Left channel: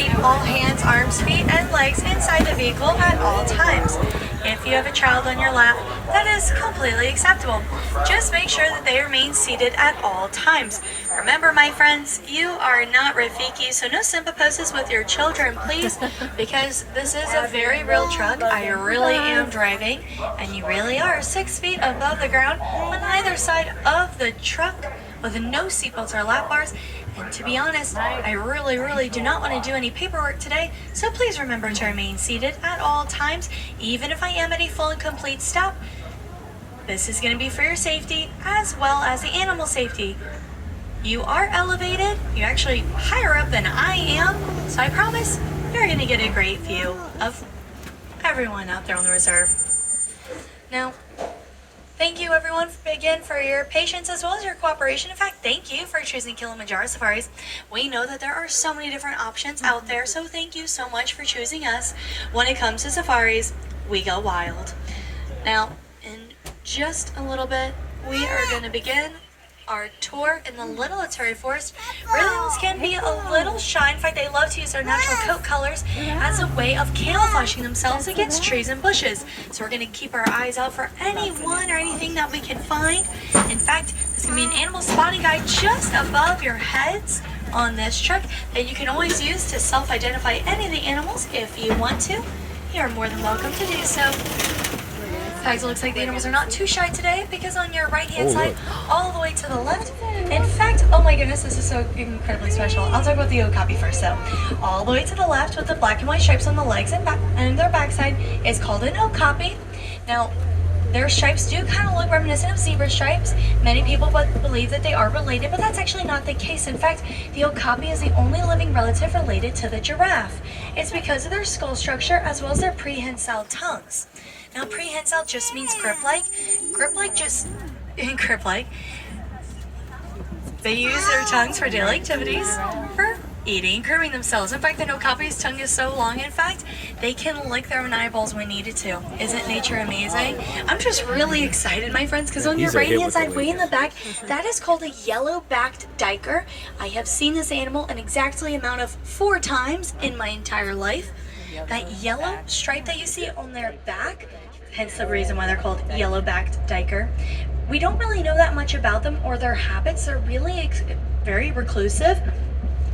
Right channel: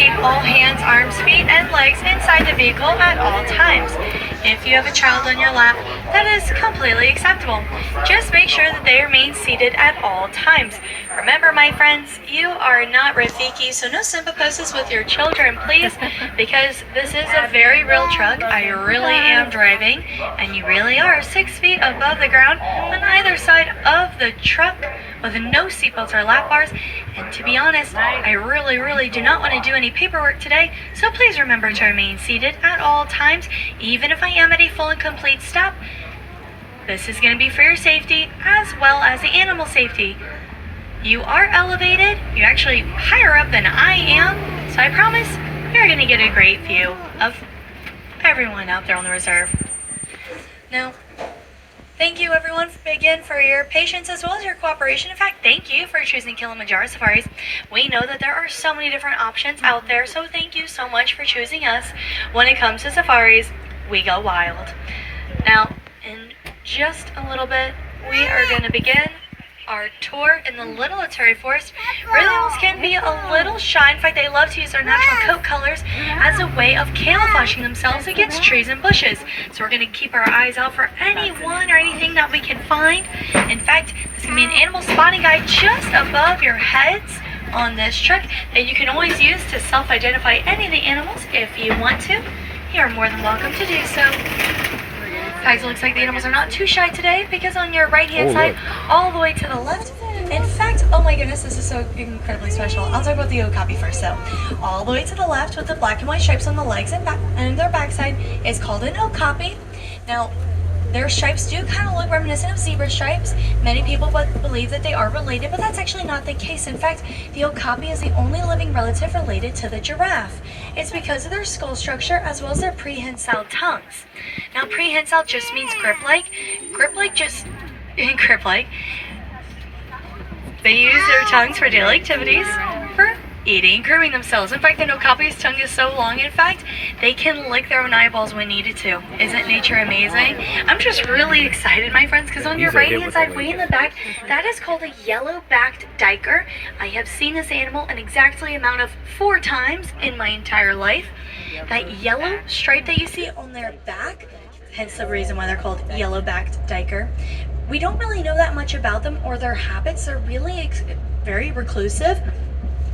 keep all hands, arms, feet, and legs inside the vehicle at all times. If you have a child on your lap, that is completely acceptable. Just make sure that they remain seated at all times. Remember, my friends, you are not Rafiki, so no simple poses with your children, please, because this is a very real truck. I really am driving, and you really are 6 feet above the ground on either side of the truck with no seatbelts or lap bars. And to be honest, I really do not want to do any paperwork today, so please remember to remain seated at all times, even if I am at a full and complete stop. This is going to be for your safety as well as the animal safety. You are elevated, you're actually higher up than I am, so I promise you're going to get a great view of everyone out there on the reserve. Now, thank you everyone again for your patience as well as your cooperation. In fact, thank you for choosing Kilimanjaro Safaris. We know that there are so many different options out there, so thank you so much for choosing us. When it comes to safaris, we go wild. Now, in just a little bit, we are going to begin our tour in the Little Atari Forest. Rhinos can be a little shy. In fact, they love to use their natural coat colors as a way of camouflaging themselves against trees and bushes. So we're going to keep our eyes out for anyone or anything that we can find. In fact, there's going to be an animal spotting guide just above your heads on this truck that you can always use to self-identify any of the animals if you want to. You are more than welcome to do so. Guys, it looks like the animals are not too shy today because on your right-hand side, all the way to the left, in fact, oh my goodness, this is so incredibly special. I'll talk about the Okapi first though. All the way to the left with the black and white stripes on the legs and their backside is called an Okapi. Now, their stripes do kind of look reminiscent of zebra stripes. Many people believe that they are related, but that's actually not the case. In fact, the Okapi is the only living relative related to the giraffe. It's because of their skull structure as well as their prehensile tongues. Now, prehensile just means grip-like. Grip-like. They use their tongues for daily activities, for eating, grooming themselves. In fact, the Okapi's tongue is so long, in fact, they can lick their own eyeballs when needed to. Isn't nature amazing? I'm just really excited, my friends, because on your right-hand side, way in the back, that is called a yellow-backed duiker. I have seen this animal an exactly amount of 4 times in my entire life. That yellow stripe that you see on their back, hence the reason why they're called yellow-backed duiker. We don't really know that much about them or their habits. They're really very reclusive.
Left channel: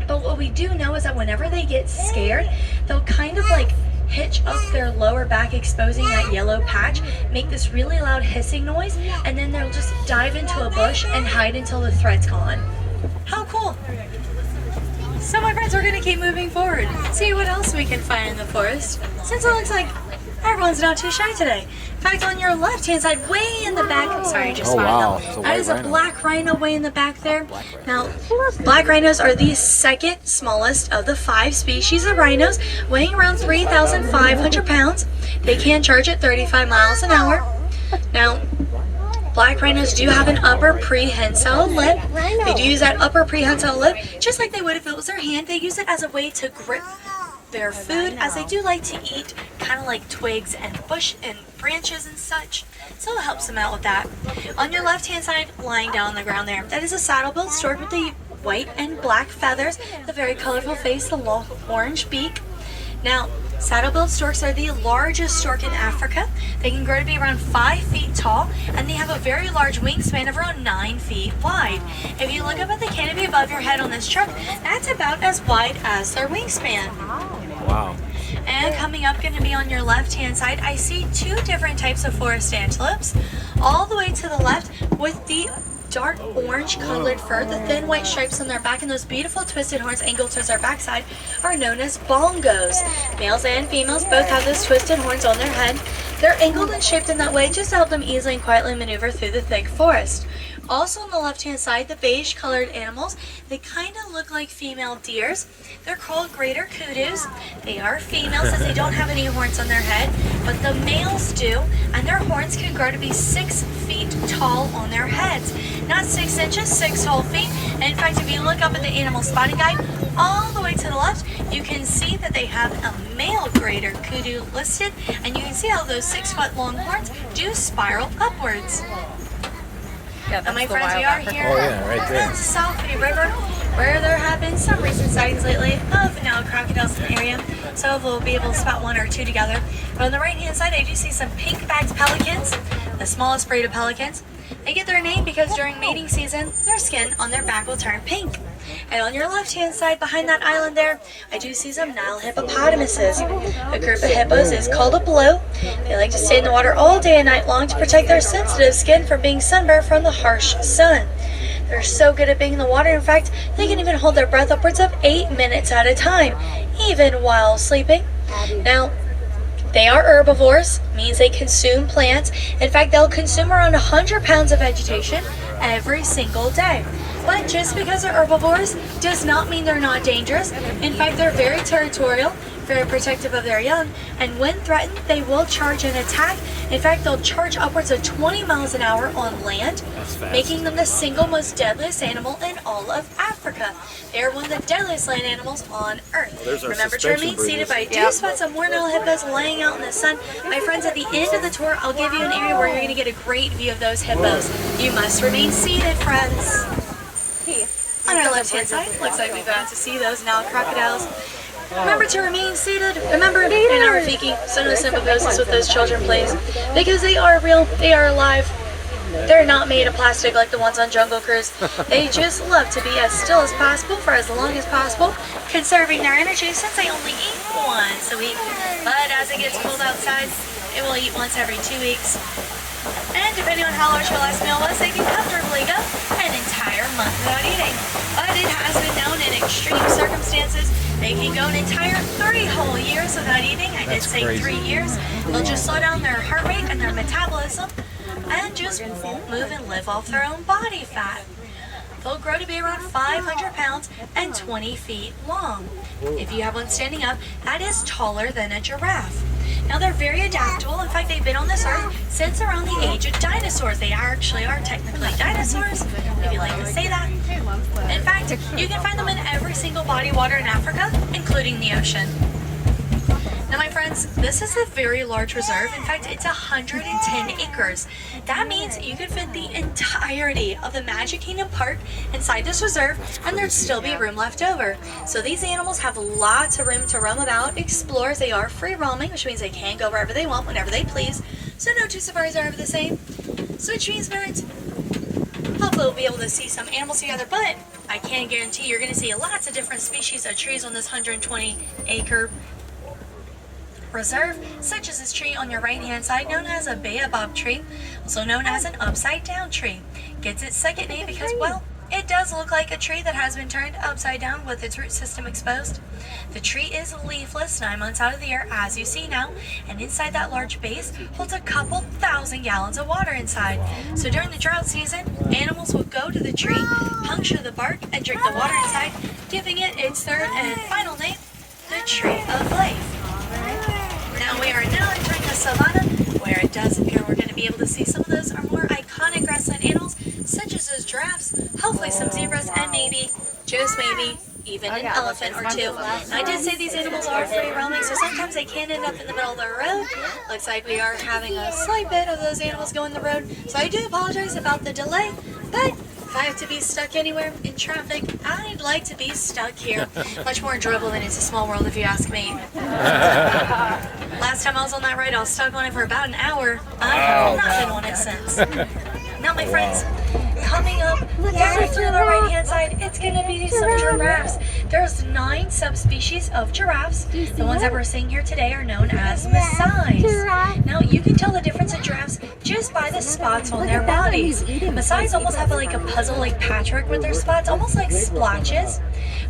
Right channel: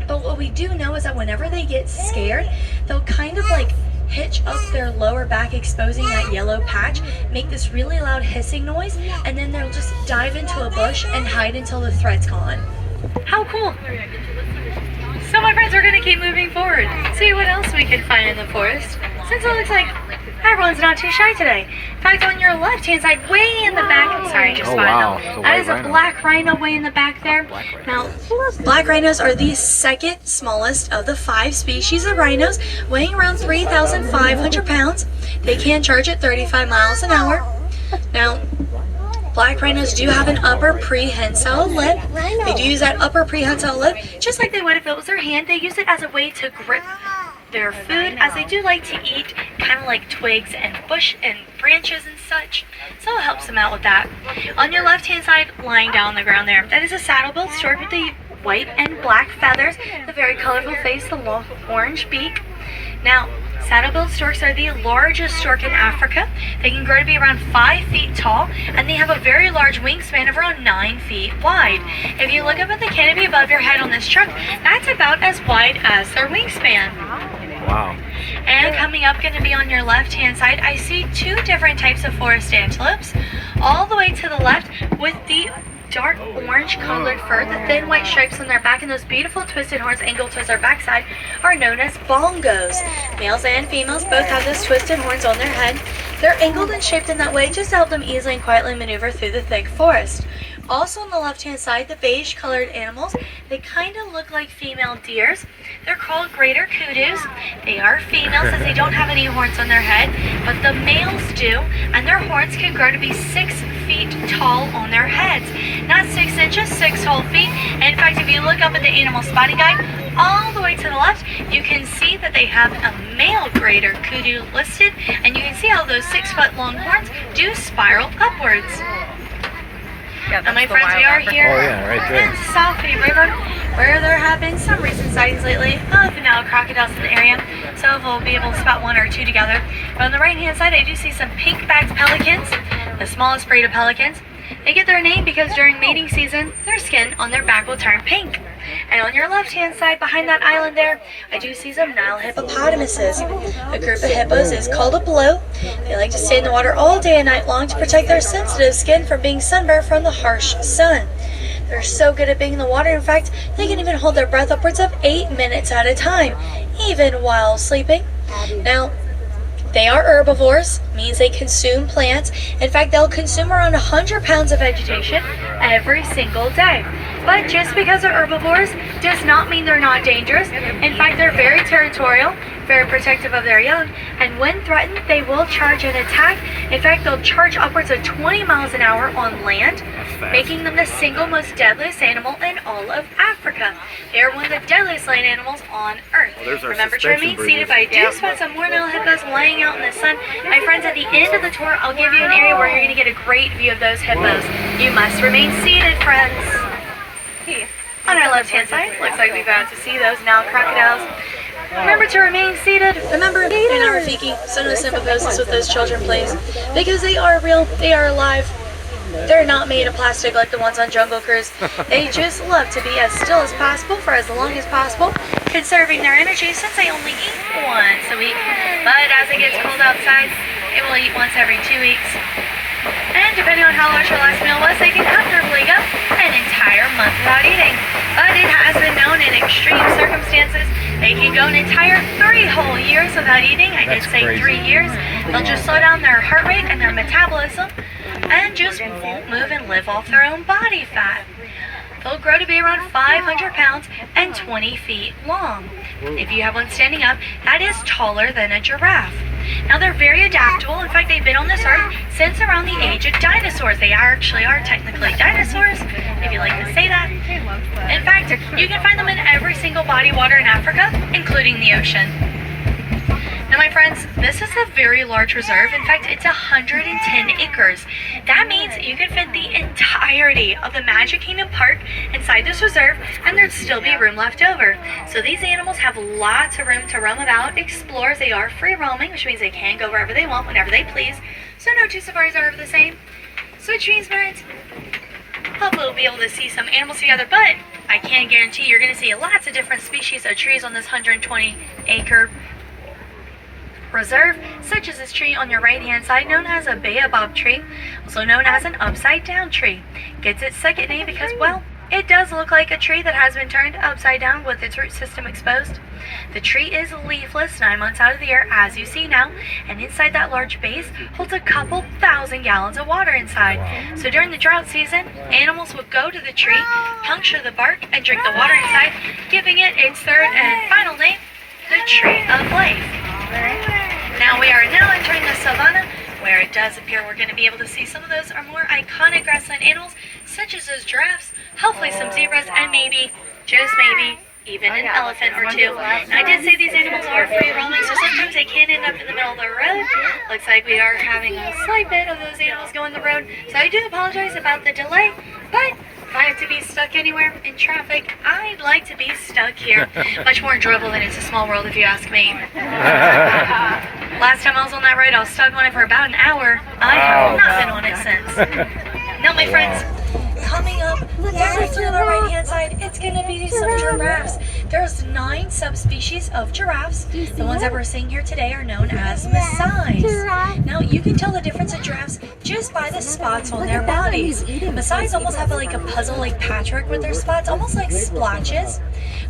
But what we do know is that whenever they get scared, they'll kind of like hitch up their lower back, exposing that yellow patch, make this really loud hissing noise, and then they'll just dive into a bush and hide until the threat's gone. How cool! So my friends, we're going to keep moving forward, see what else we can find in the forest, since it looks like everyone's not too shy today. In fact, on your left-hand side, way in the back, I'm sorry, just spotted wow. them. That is a black rhino way in the back there. Now, black rhinos are the second smallest of the 5 species of rhinos, weighing around 3,500 pounds. They can charge at 35 miles an hour. Now, black rhinos do have an upper prehensile lip. They do use that upper prehensile lip just like they would if it was their hand. They use it as a way to grip their food, as they do like to eat kind of like twigs and bush and branches and such, so it helps them out with that. On your left hand side, lying down on the ground there, that is a saddle-billed stork with the white and black feathers, the very colorful face, the long orange beak. Now, saddle-billed storks are the largest stork in Africa. They can grow to be around 5 feet tall, and they have a very large wingspan of around 9 feet wide. If you look up at the canopy above your head on this truck, that's about as wide as their wingspan. Wow. And coming up, going to be on your left-hand side, I see 2 different types of forest antelopes. All the way to the left with the dark orange colored fur, the thin white stripes on their back, and those beautiful twisted horns angled towards their backside are known as bongos. Males and females both have those twisted horns on their head. They're angled and shaped in that way just to help them easily and quietly maneuver through the thick forest. Also on the left-hand side, the beige-colored animals, they kind of look like female deers. They're called greater kudus. They are females as they don't have any horns on their head, but the males do, and their horns can grow to be 6 feet tall on their heads. Not 6 inches, 6 whole feet. And in fact, if you look up at the animal spotting guide, all the way to the left, you can see that they have a male greater kudu listed, and you can see how those 6-foot long horns do spiral upwards. Yeah, and my friends, we are here right there. in the Safi River, where there have been some recent sightings lately of Nile crocodiles and so we'll be able to spot one or two together. But on the right-hand side, I do see some pink-backed pelicans, the smallest breed of pelicans. They get their name because during mating season, their skin on their back will turn pink. And on your left-hand side, behind that island there, I do see some Nile hippopotamuses. A group of hippos is called a blue. They like to stay in the water all day and night long to protect their sensitive skin from being sunburned from the harsh sun. They're so good at being in the water, in fact, they can even hold their breath upwards of 8 minutes at a time, even while sleeping. Now, they are herbivores, means they consume plants. In fact, they'll consume around 100 pounds of vegetation every single day. But just because they're herbivores does not mean they're not dangerous. In fact, they're very territorial, very protective of their young, and when threatened, they will charge and attack. In fact, they'll charge upwards of 20 miles an hour on land, making them the single most deadliest animal in all of Africa. They are one of the deadliest land animals on Earth. Well, remember to remain seated, but I do spot some more Nile hippos laying out in the sun. My friends, at the end of the tour, I'll give you an area where you're going to get a great view of those hippos. You must remain seated, friends. On our left-hand side, looks like we've got to see those Nile crocodiles. Remember to remain seated. Remember, in our Rafiki, some of the simple poses with those children, please. Because they are real, they are alive. They're not made of plastic like the ones on Jungle Cruise. They just love to be as still as possible for as long as possible, conserving their energy since they only eat once a week. But as it gets cold outside, it will eat once every 2 weeks. And depending on how large your last meal was, they can comfortably go an entire month without eating. But it has been known in extreme circumstances, they can go an entire 3 whole years without eating. I did say 3 years. They'll just slow down their heart rate and their metabolism and just won't move and live off their own body fat. They'll grow to be around 500 pounds and 20 feet long. If you have one standing up, that is taller than a giraffe. Now, they're very adaptable. In fact, they've been on this earth since around the age of dinosaurs. They actually are technically dinosaurs, if you like to say that. In fact, you can find them in every single body of water in Africa, including the ocean. Now, my friends, this is a very large reserve. In fact, it's 110 acres. That means you can fit the entirety of the Magic Kingdom Park inside this reserve, and there'd still be room left over. So these animals have lots of room to roam about, explore. They are free roaming, which means they can go wherever they want, whenever they please. So no two safaris are ever the same. So which means, parents, hopefully we'll be able to see some animals together, but I can guarantee you're going to see lots of different species of trees on this 120-acre reserve, such as this tree on your right hand side, known as a baobab tree, also known as an upside down tree. Gets its second name because, well, it does look like a tree that has been turned upside down with its root system exposed. The tree is leafless 9 months out of the year, as you see now, and inside that large base holds a couple thousand gallons of water inside. So during the drought season, animals will go to the tree, puncture the bark, and drink the water inside, giving it its third and final name, the Tree of Life. Now we are entering the Savanna, where it does appear we're going to be able to see some of those are more iconic grassland animals, such as those giraffes, hopefully some zebras, and maybe, just maybe, even an elephant or two. Now, I did say these animals are free roaming, so sometimes they can end up in the middle of the road. Looks like we are having a slight bit of those animals go on the road, so I do apologize about the delay, but if I have to be stuck anywhere in traffic, I'd like to be stuck here. Much more enjoyable than It's a Small World, if you ask me. Last time I was on that ride, I was stuck on it for about an hour. I have not been on it since. Now, my friends, coming up over through the right-hand side, it's going to be some giraffes. There's 9 subspecies of giraffes. The ones that we're seeing here today are known as Maasais. Now, you can tell the difference in giraffes just by the spots on their bodies. Maasais almost have like a puzzle-like patchwork with their spots, almost like splotches.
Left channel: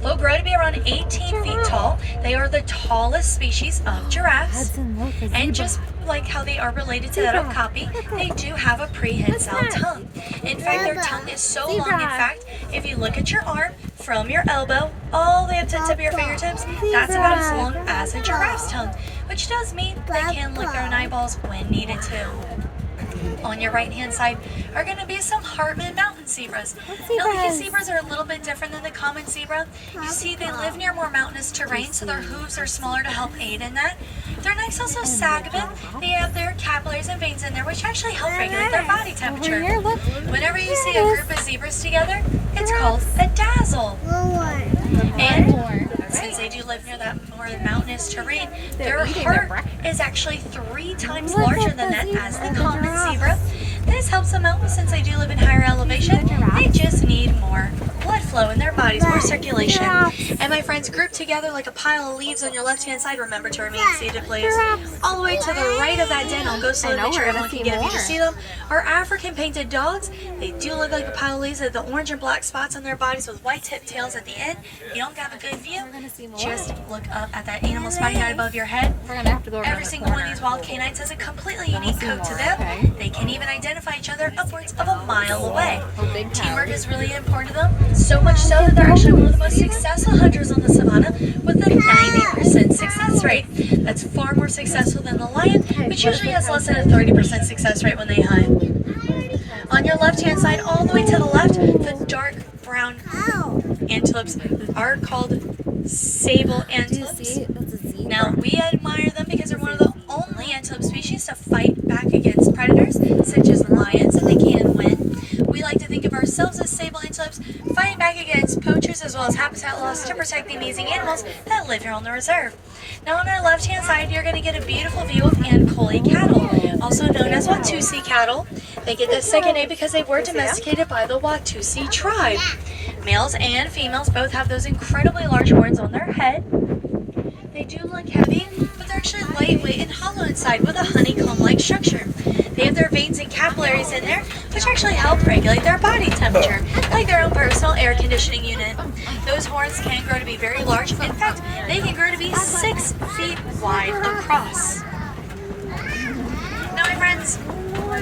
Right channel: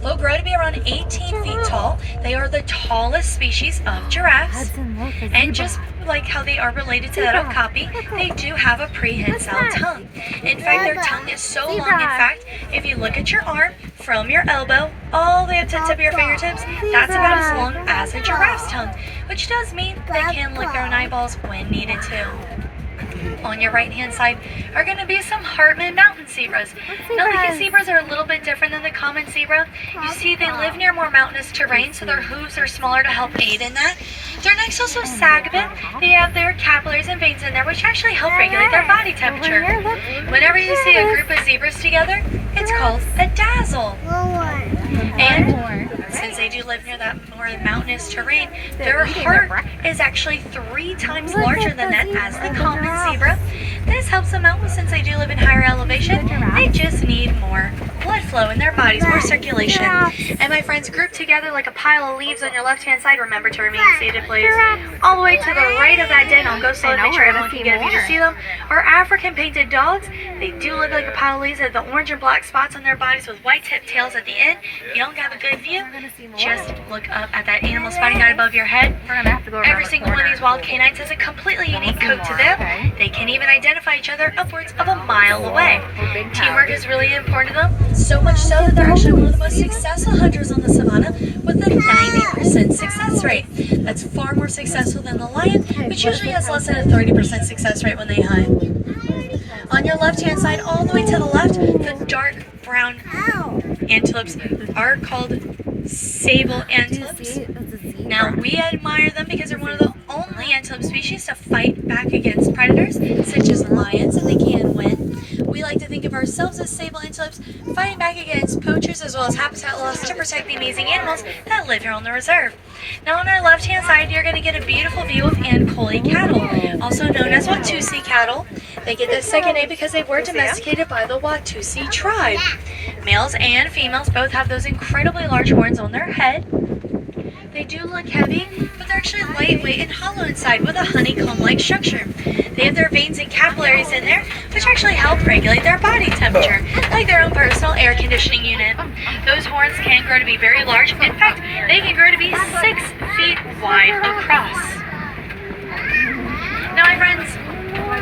They'll grow to be around 18 feet tall. They are the tallest species of giraffes. And just like how they are related to that okapi, they do have a prehensile tongue. In fact, their tongue is so long, in fact, if you look at your arm from your elbow all the way up to the tip of your fingertips, that's about as long as a giraffe's tongue, which does mean they can lick their own eyeballs when needed to. On your right-hand side are going to be some Hartman mountain zebras. Now, the zebras are a little bit different than the common zebra. You see, they live near more mountainous terrain, so their hooves are smaller to help aid in that. Their necks also sag a bit. They have their capillaries and veins in there, which actually help regulate their body temperature. Whenever you see a group of zebras together, it's called a dazzle. And since they do live near that more mountainous terrain, their heart is actually 3 times larger than that as the common zebra. This helps them out since they do live in higher elevation. They just need more blood flow in their bodies, more circulation. And my friends, group together like a pile of leaves on your left-hand side. Remember to remain seated, please. All the way to the right of that den. I'll go slow and make sure everyone can get a view to see them. Our African painted dogs, they do look like a pile of leaves. They have the orange and black spots on their bodies with white tipped tails at the end. If you don't have a good view, just look up at that animal spotting guide above your head. Every single one of these wild canines has a completely unique coat to them. They can even identify each other upwards of a mile away. Teamwork is really important to them, so much so that they're actually one of the most successful hunters on the Savanna with a 90% success rate. That's far more successful than the lion, which usually has less than a 30% success rate when they hunt. On your left-hand side, all the way to the left, the dark brown antelopes are called sable antelopes. Now, we admire them because they're one of the only antelope species to fight back against predators, such as lions, and they can win. We like to think of ourselves as sable antelopes, fighting back against poachers as well as habitat loss to protect the amazing animals that live here on the reserve. Now, on our left-hand side, you're going to get a beautiful view of Ankole cattle, also known as Watusi cattle. They get this second name because they were domesticated by the Watusi tribe. Males and females both have those incredibly large horns on their head. They do look heavy, but they're actually lightweight and hollow inside with a honeycomb-like structure. They have their veins and capillaries in there, which actually help regulate their body temperature, like their own personal air conditioning unit. Those horns can grow to be very large. In fact, they can grow to be 6 feet wide across. Now, my friends,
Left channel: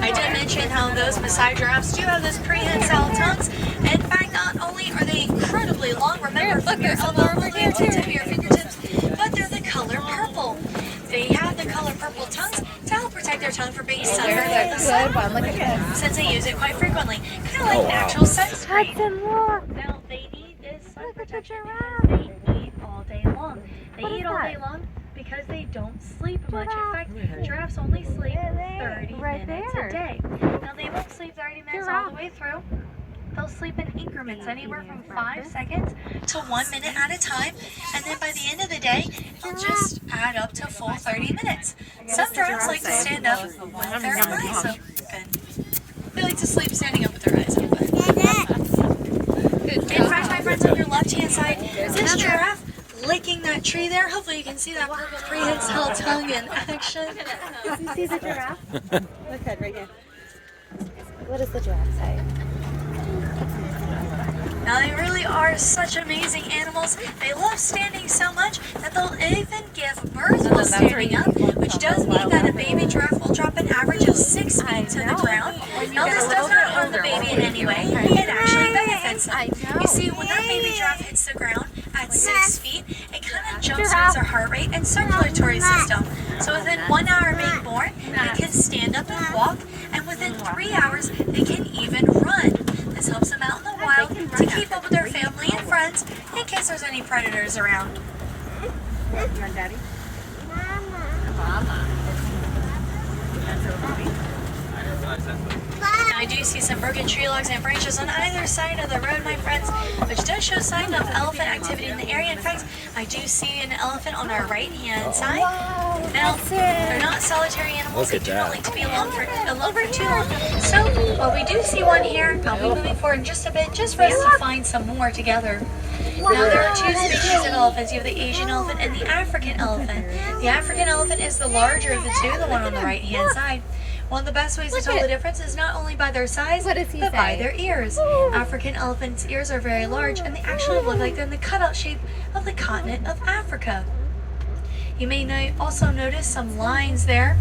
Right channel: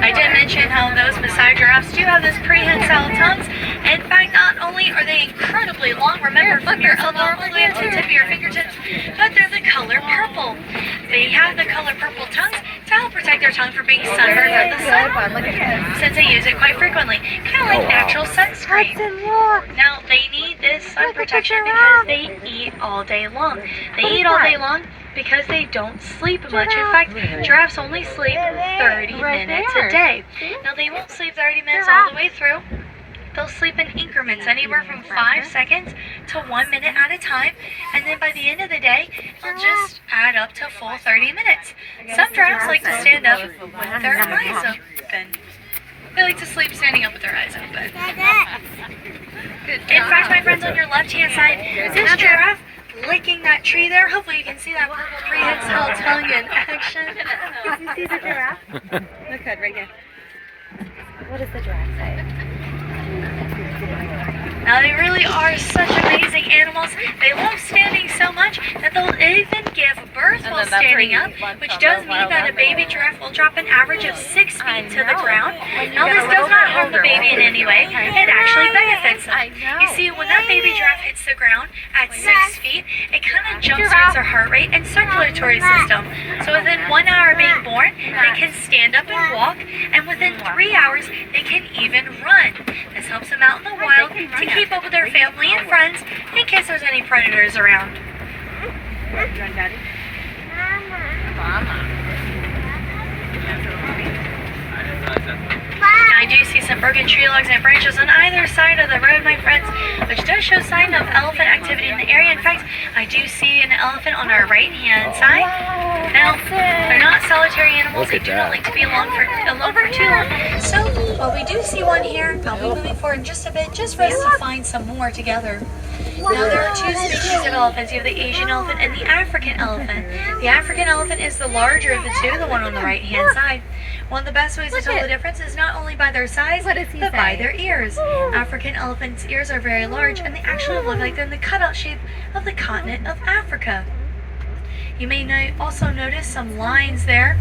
I did mention how those Maasai giraffes do have those prehensile tongues. In fact, not only are they incredibly long, remember from your elbow all the way up to the tip of your fingertips, but they're the color purple. They have the color purple tongues to help protect their tongue from being sunburned by the sun, since they use it quite frequently, kind of like natural sunscreen. Now, they need this sun protection because they eat all day long. They eat all day long because they don't sleep much. In fact, giraffes only sleep 30 minutes a day. Now, they won't sleep 30 minutes all the way through. They'll sleep in increments, anywhere from 5 seconds to 1 minute at a time, and then by the end of the day, they'll just add up to a full 30 minutes. Some giraffes like to stand up with their eyes open. They like to sleep standing up with their eyes open. In fact, my friends, on your left-hand side, this giraffe licking that tree there. Hopefully you can see that purple prehensile tongue in action. Can you see the giraffe? Look good, right here. What does the giraffe say? Now, they really are such amazing animals. They love standing so much that they'll even give birth while standing up, which does mean that a baby giraffe will drop an average of 6 feet to the ground. Now, this does not harm the baby in any way. It actually benefits them. You see, when that baby giraffe hits the ground at 6 feet, it kind of jumpstarts their heart rate and circulatory system. So within 1 hour of being born, they can stand up and walk, and within 3 hours, they can even run. This helps them out in the wild to keep up with their family and friends in case there's any predators around. I do see some broken tree logs and branches on either side of the road, my friends, which does show sign of elephant activity in the area. In fact, I do see an elephant on our right-hand side. Now, they're not solitary animals. They do not like to be alone for too long. So, while we do see one here, I'll be moving forward just a bit, just for us to find some more together. Now, there are 2 species of elephants. You have the Asian elephant and the African elephant. The African elephant is the larger of the 2, the one on the right-hand side. One of the best ways to tell the difference is not only by their size, but by their ears. African elephants' ears are very large, and they actually look like they're in the cutout shape of the continent of Africa. You may also notice some lines there.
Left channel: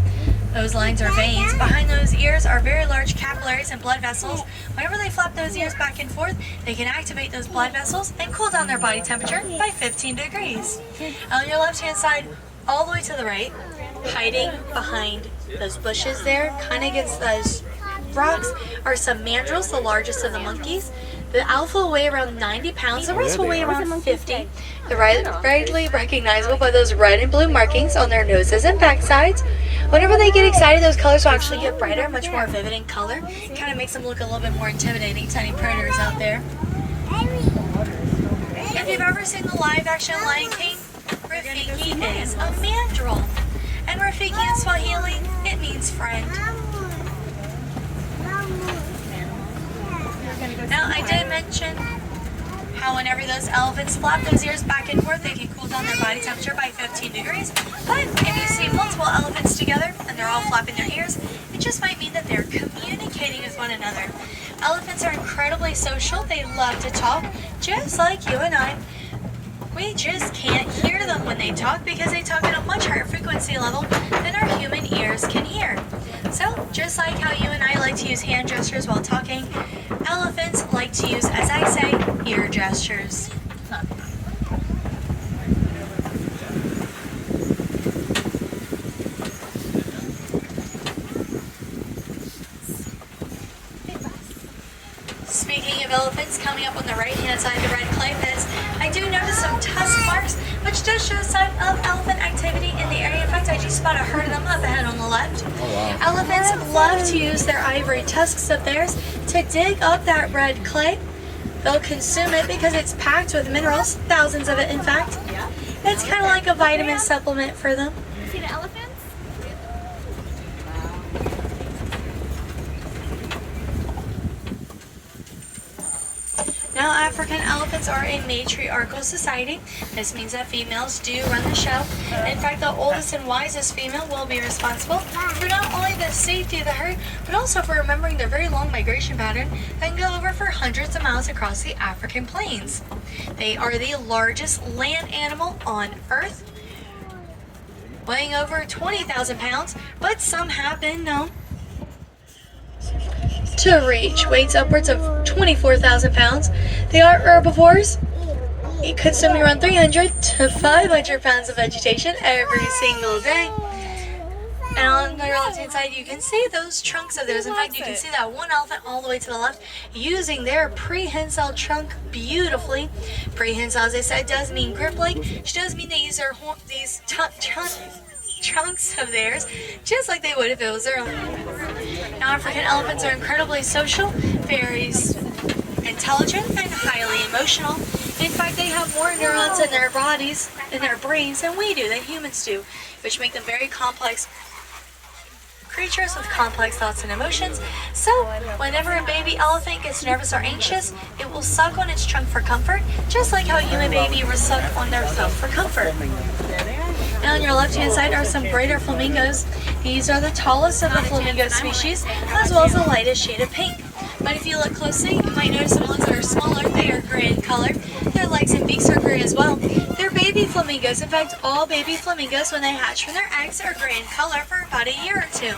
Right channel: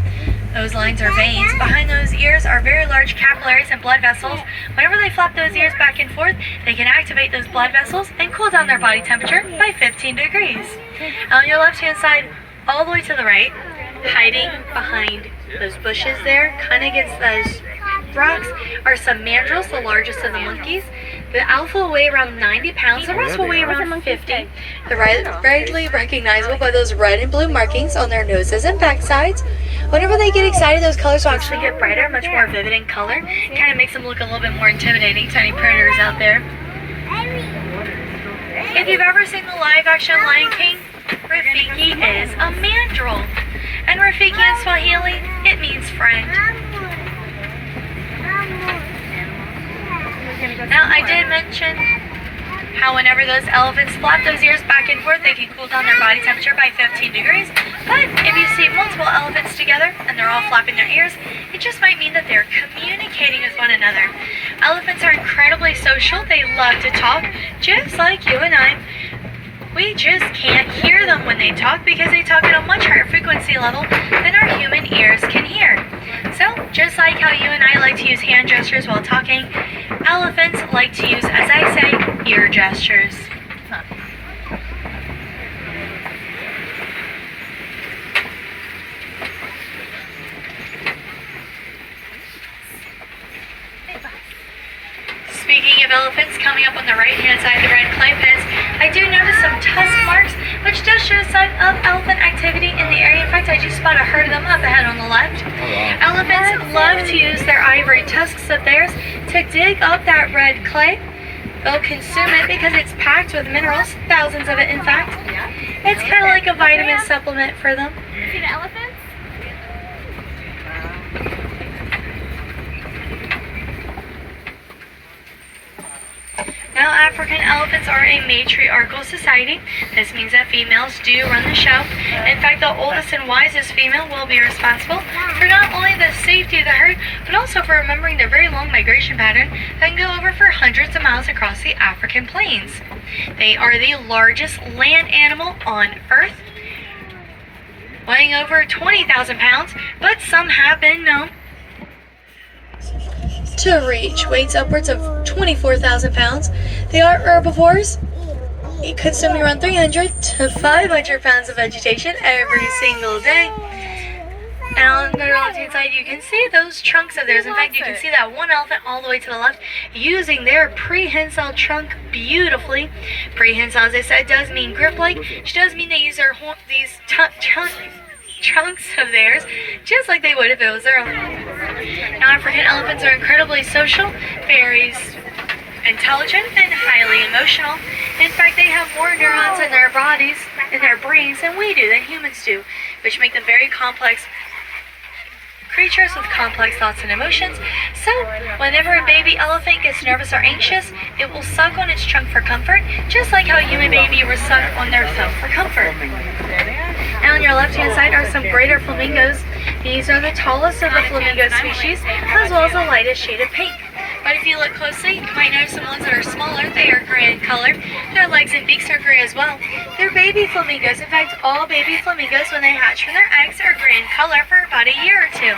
Those lines are veins. Behind those ears are very large capillaries and blood vessels. Whenever they flap those ears back and forth, they can activate those blood vessels and cool down their body temperature by 15 degrees. On your left-hand side, all the way to the right, hiding behind those bushes there, kind of against those rocks, are some mandrills, the largest of the monkeys. The alpha will weigh around 90 pounds, the rest will weigh around 50. They're readily recognizable by those red and blue markings on their noses and backsides. Whenever they get excited, those colors will actually get brighter, much more vivid in color. Kind of makes them look a little bit more intimidating to any predators out there. If you've ever seen the live-action Lion King, Rafiki is a mandrill. And Rafiki in Swahili, it means friend. Now, I did mention how whenever those elephants flap those ears back and forth, they can cool down their body temperature by 15 degrees. But if you see multiple elephants together and they're all flapping their ears, it just might mean that they're communicating with one another. Elephants are incredibly social. They love to talk, just like you and I. We just can't hear them when they talk because they talk at a much higher frequency level than our human ears can hear. So, just like how you and I like to use hand gestures while talking, elephants like to use, as I say, ear gestures. Speaking of elephants, coming up on the right-hand side of the red clay pits, I do notice some tusk marks, which does show a sign of elephant activity in the area. In fact, I just spot a herd of them up ahead on the left. Oh, wow. Elephants love to use their ivory tusks of theirs to dig up that red clay. They'll consume it because it's packed with minerals, thousands of it in fact. It's kind of like a vitamin supplement for them. See the elephants? Now, African elephants are a matriarchal society. This means that females do run the show. In fact, the oldest and wisest female will be responsible for not only the safety of the herd, but also for remembering their very long migration pattern that can go over for hundreds of miles across the African plains. They are the largest land animal on Earth, weighing over 20,000 pounds, but some have been known to reach weights upwards of 24,000 pounds. They are herbivores, consuming around 300 to 500 pounds of vegetation every single day. And on the left-hand side, you can see those trunks of theirs. In fact, you can see that one elephant all the way to the left using their prehensile trunk beautifully. Prehensile, as I said, does mean grip-like, which does mean they use their trunks of theirs, just like they would if it was their own. Now, African elephants are incredibly social, very intelligent, and highly emotional. In fact, they have more neurons in their bodies, in their brains, than we do, than humans do, which make them very complex creatures with complex thoughts and emotions. So, whenever a baby elephant gets nervous or anxious, it will suck on its trunk for comfort, just like how a human baby will suck on their thumb for comfort. Now on your left-hand side are some greater flamingos. These are the tallest of the flamingo species, as well as the lightest shade of pink. But if you look closely, you might notice some ones that are smaller. They are gray in color. Their legs and beaks are gray as well. They're baby flamingos. In fact, all baby flamingos, when they hatch from their eggs, are gray in color for about a year or two.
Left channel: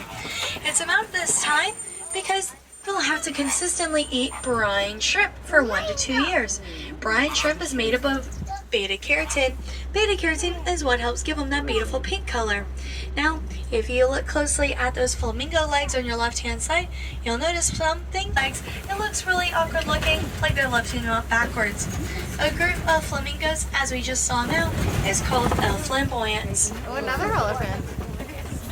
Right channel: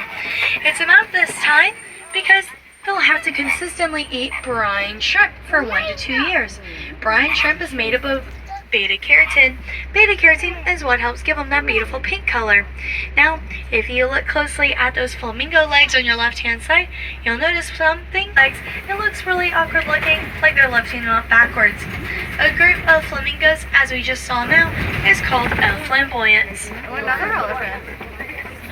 It's about this time because they'll have to consistently eat brine shrimp for 1 to 2 years. Brine shrimp is made up of beta-carotene. Beta-carotene is what helps give them that beautiful pink color. Now, if you look closely at those flamingo legs on your left-hand side, you'll notice something. It looks really awkward looking, like they're lifting them up backwards. A group of flamingos, as we just saw now, is called a flamboyance. Another elephant.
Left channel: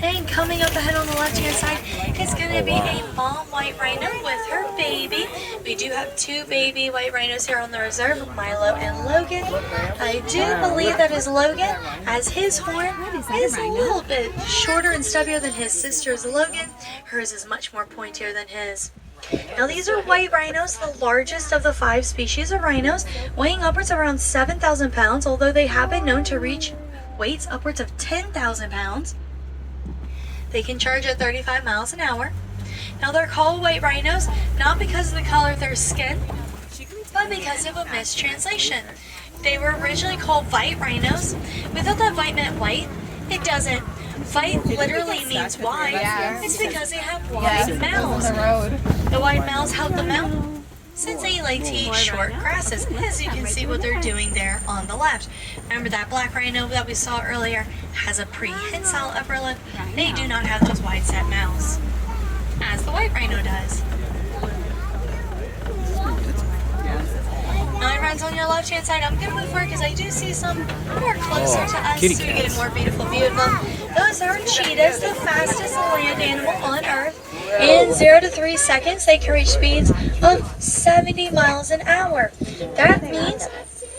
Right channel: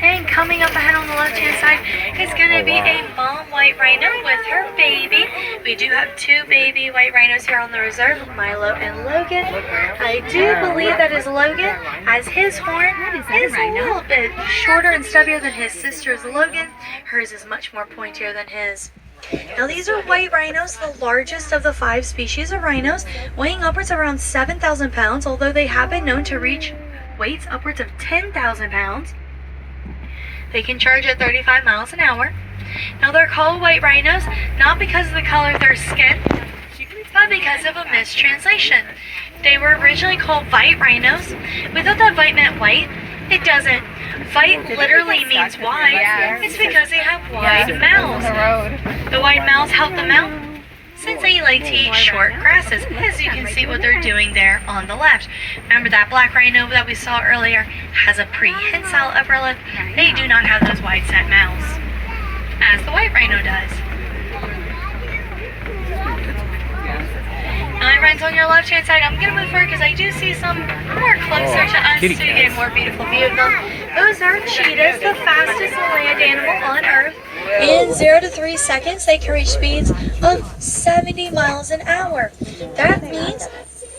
And coming up ahead on the left-hand side is going to be a mom white rhino with her baby. We do have 2 baby white rhinos here on the reserve, Milo and Logan. I do believe that is Logan, as his horn is a little bit shorter and stubbier than his sister's Logan. Hers is much more pointier than his. Now these are white rhinos, the largest of the 5 species of rhinos, weighing upwards of around 7,000 pounds, although they have been known to reach weights upwards of 10,000 pounds. They can charge at 35 miles an hour. Now they're called white rhinos, not because of the color of their skin, but because of a mistranslation. They were originally called white rhinos. We thought that white meant white. It doesn't. White literally means wide. It's because they have wide mouths. The wide mouths help them out, since they like to eat short grasses, as you can see what they're doing there on the left. Remember that black rhino that we saw earlier has a prehensile upper lip. They do not have those wide set mouths, as the white rhino does. Now, friends, on your left-hand side, I'm going to move forward because I do see some more closer to us to get a more beautiful view of them. Those are cheetahs, the fastest land animal on Earth. In 0 to 3 seconds, they can reach speeds of 70 miles an hour. That means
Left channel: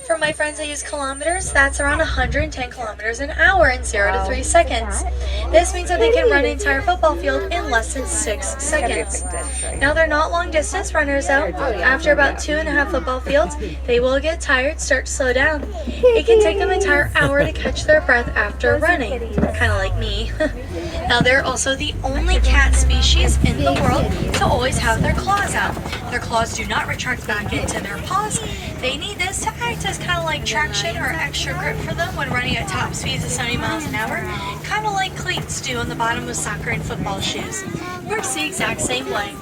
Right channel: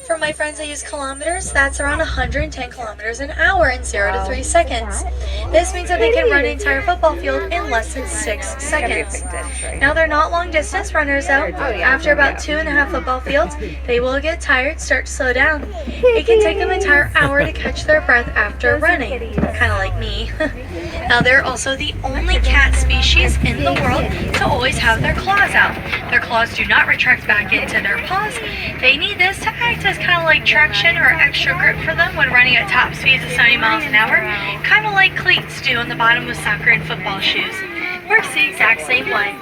For my friends that use kilometers, that's around 110 kilometers an hour in 0 to 3 seconds. This means that they can run an entire football field in less than 6 seconds. Now, they're not long distance runners though. After about 2.5 football fields, they will get tired, start to slow down. It can take them an entire hour to catch their breath after running, kind of like me. Now, they're also the only cat species in the world to always have their claws out. Their claws do not retract back into their paws. They need this to act as kind of like traction or extra grip for them when running at top speeds of 70 miles an hour, kind of like cleats do on the bottom of soccer and football shoes. Works the exact same way.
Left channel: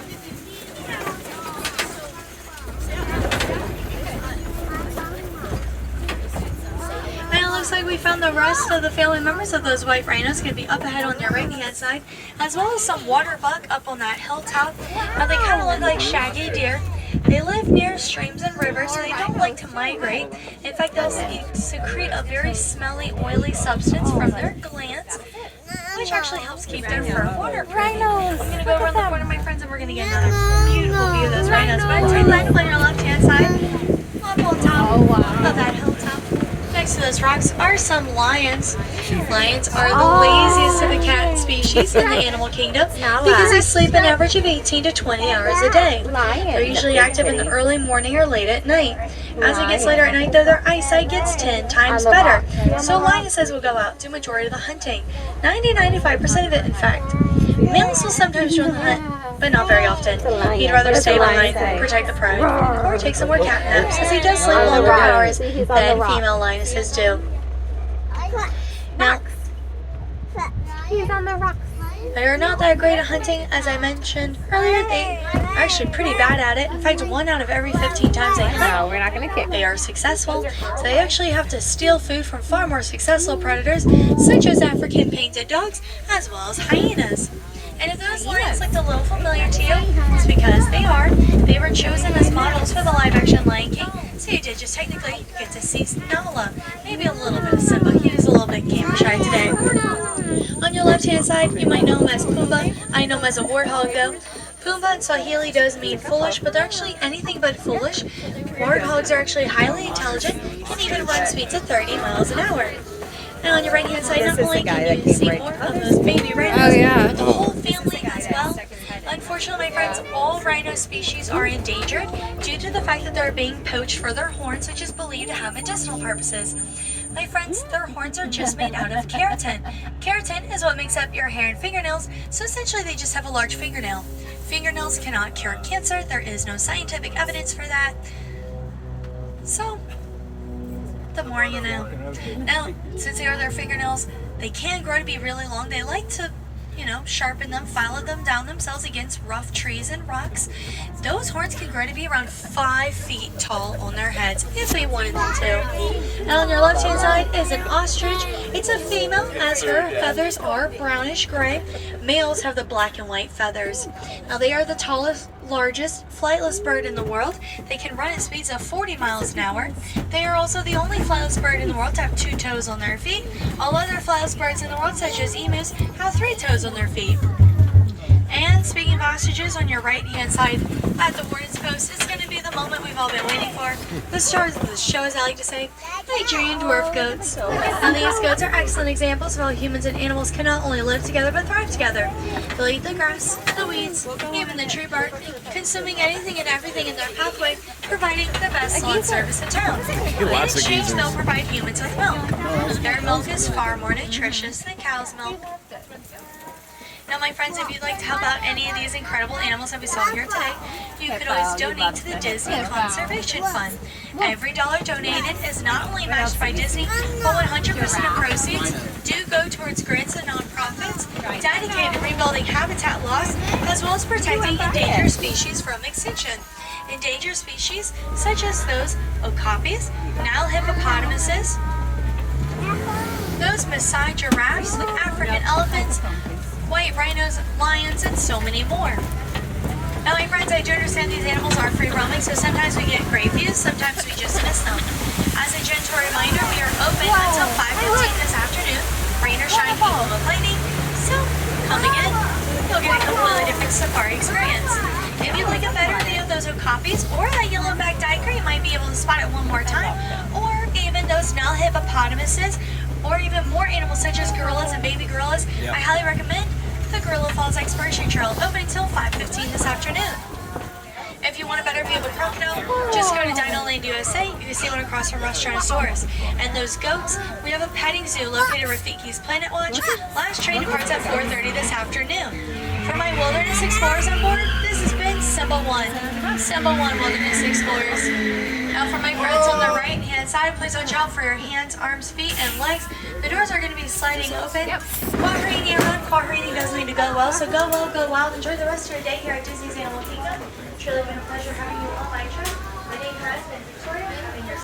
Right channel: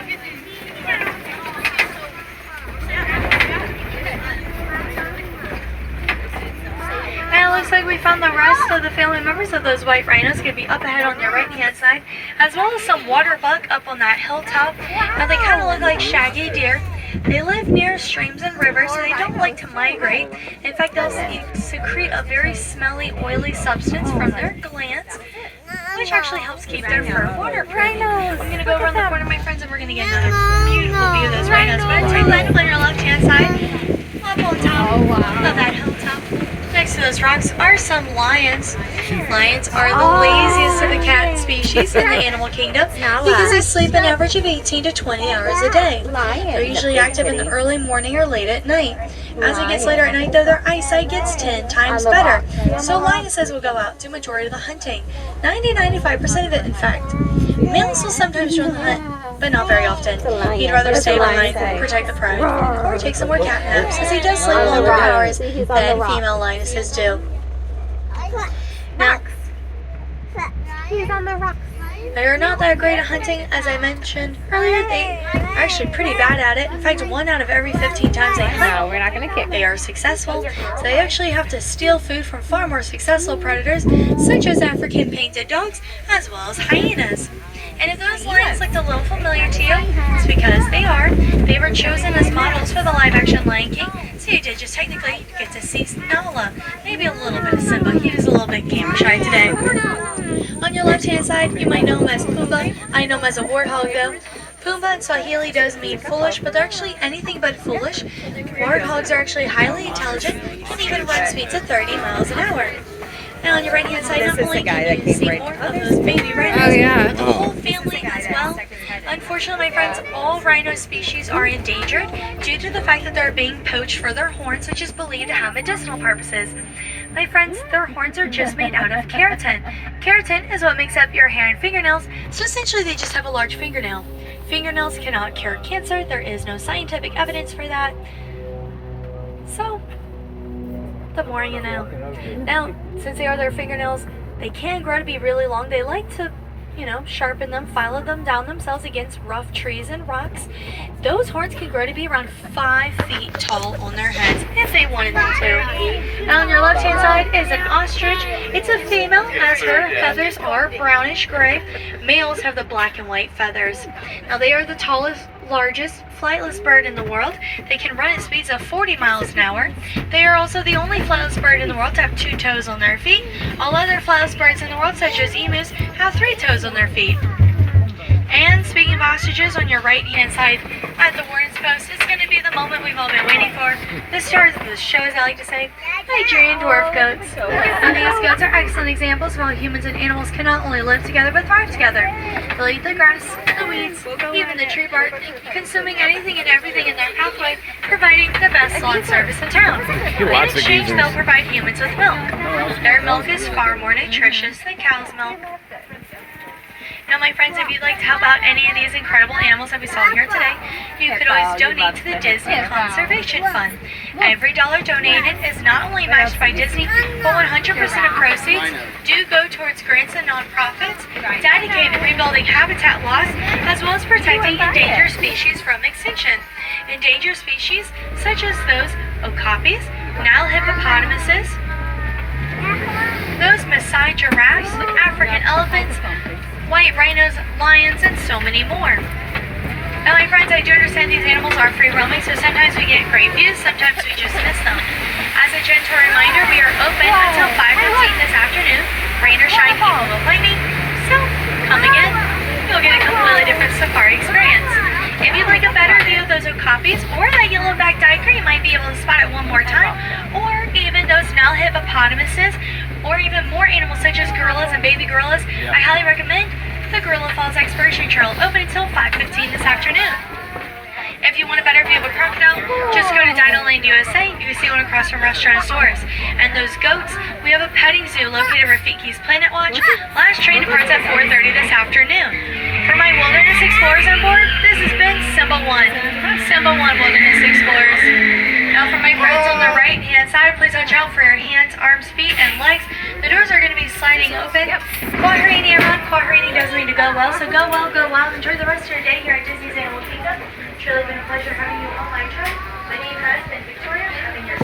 And it looks like we found the rest of the family members of those white rhinos. Could be up ahead on your right hand side, as well as some water buck up on that hilltop. Now they kind of look like shaggy deer. They live near streams and rivers, so they don't like to migrate. In fact, they'll secrete a very smelly, oily substance from their glands, which actually helps keep their fur waterproof. I'm going to go over in the corner, my friends, and we're going to get another beautiful view of those rhinos. But until you land on your left-hand side, up on top of that hilltop, next to those rocks are some lions. Lions are the laziest of the cat species in the animal kingdom because they sleep an average of 18 to 20 hours a day. They're usually active in the early morning or late at night. As it gets later at night, though, their eyesight gets 10 times better. So lionesses will go out to majority of the hunting, 90-95% of it, in fact. Males will sometimes join the hunt, but not very often. He'd rather stay behind, protect the pride, or take some more cat naps, as he does sleep longer hours than female lionesses do. Now, He's on the rocks. they're not that great at hunting, as I mentioned earlier. They're actually pretty bad at it. In fact, 1 out of every 15 times they hunt, No, we're not going to kick. they are successful. So they actually have to steal food from far more successful predators, such as African painted dogs, as well as hyenas. And if those lions looked a little familiar to you, it's because they are. They were chosen as models for the live-action Lion King, so you did just technically get to see Nala. Maybe a little bit of Simba. He was a little bit camera shy today. On your left-hand side, you might know him as Pumbaa. I know him as a warthog, though. Pumbaa in Swahili does mean foolish, but they're actually anything but foolish. Warthogs are actually highly intelligent and even run speeds of 30 miles an hour. Now on your right-hand side, not only can you see more of those baby rhinos, but the whole family as well. Unfortunately, my friends, all rhino species are endangered due to the fact that they're being poached for their horns, which is believed to have medicinal purposes. My friends, their horns are just made out of keratin. Keratin is what makes up your hair and fingernails, so essentially they just have a large fingernail. Fingernails cannot cure cancer. There is no scientific evidence for that. So, the more you know. Now, since they are their fingernails, they can grow to be really long. They like to, sharpen them, file them down themselves against rough trees and rocks. Those horns can grow to be around 5 feet tall on their heads if they wanted them to. Now on your left hand side is an ostrich. It's a female, as her feathers are brownish gray. Males have the black and white feathers. Now they are the tallest, largest flightless bird in the world. They can run at speeds of 40 miles an hour. They are also the only flightless bird in the world to have 2 toes on their feet. All other flightless birds in the world, such as emus, have 3 toes on their feet. And speaking of ostriches, on your right hand side at the warden's post, it's going to be the moment we've all been waiting for. The show, as I like to say, Nigerian dwarf goats. And these goats are excellent examples of how humans and animals can not only live together but thrive together. They'll eat the grass, the weeds, even the tree bark, consuming anything and everything in their pathway, providing the best lawn service in town. In exchange, they'll provide humans with milk. Their milk is far more nutritious than cow's milk. Now, my friends, if you'd like to help out any of these incredible animals that we saw here today, you could always donate to the Disney Conservation Fund. Every dollar donated is not only matched by Disney, but 100% of proceeds do go towards grants and nonprofits dedicated to rebuilding habitat loss, as well as protecting endangered species from extinction. Endangered species such as those okapis, Nile hippopotamuses, those Maasai giraffes, African elephants, white rhinos, lions, and so many more. Now, my friends, I do understand these animals are free roaming, so sometimes we get great views, sometimes we just miss them. As a gentle reminder, we are open until 5:15 this afternoon. Rain or shine, people will play me. So, come again, you'll get a completely different safari experience. If you'd like a better view of those okapis or that yellow-backed duiker, you might be able to spot it one more time, or even more animals such as gorillas and baby gorillas, I highly recommend the Gorilla Falls Exploration Trail, open until 5:15 this afternoon. If you want a better view of a crocodile, just go to Dinoland USA. You can see one across from Restaurantosaurus. And those goats, we have a petting zoo located at Rafiki's Planet Watch. Last train departs at 4:30 this afternoon. For my wilderness explorers on board, this has been Simba 1. Simba 1 Wilderness Explorers. Now for my friends on the right hand side, please watch out for your hands, arms, feet, and legs. The doors are going to be sliding open. Quahrini around. Quahrini does need to go well, so go well, go well. Enjoy the rest of your day here at Disney's Animal Kingdom. It's really been a pleasure having you on my trip. My name has been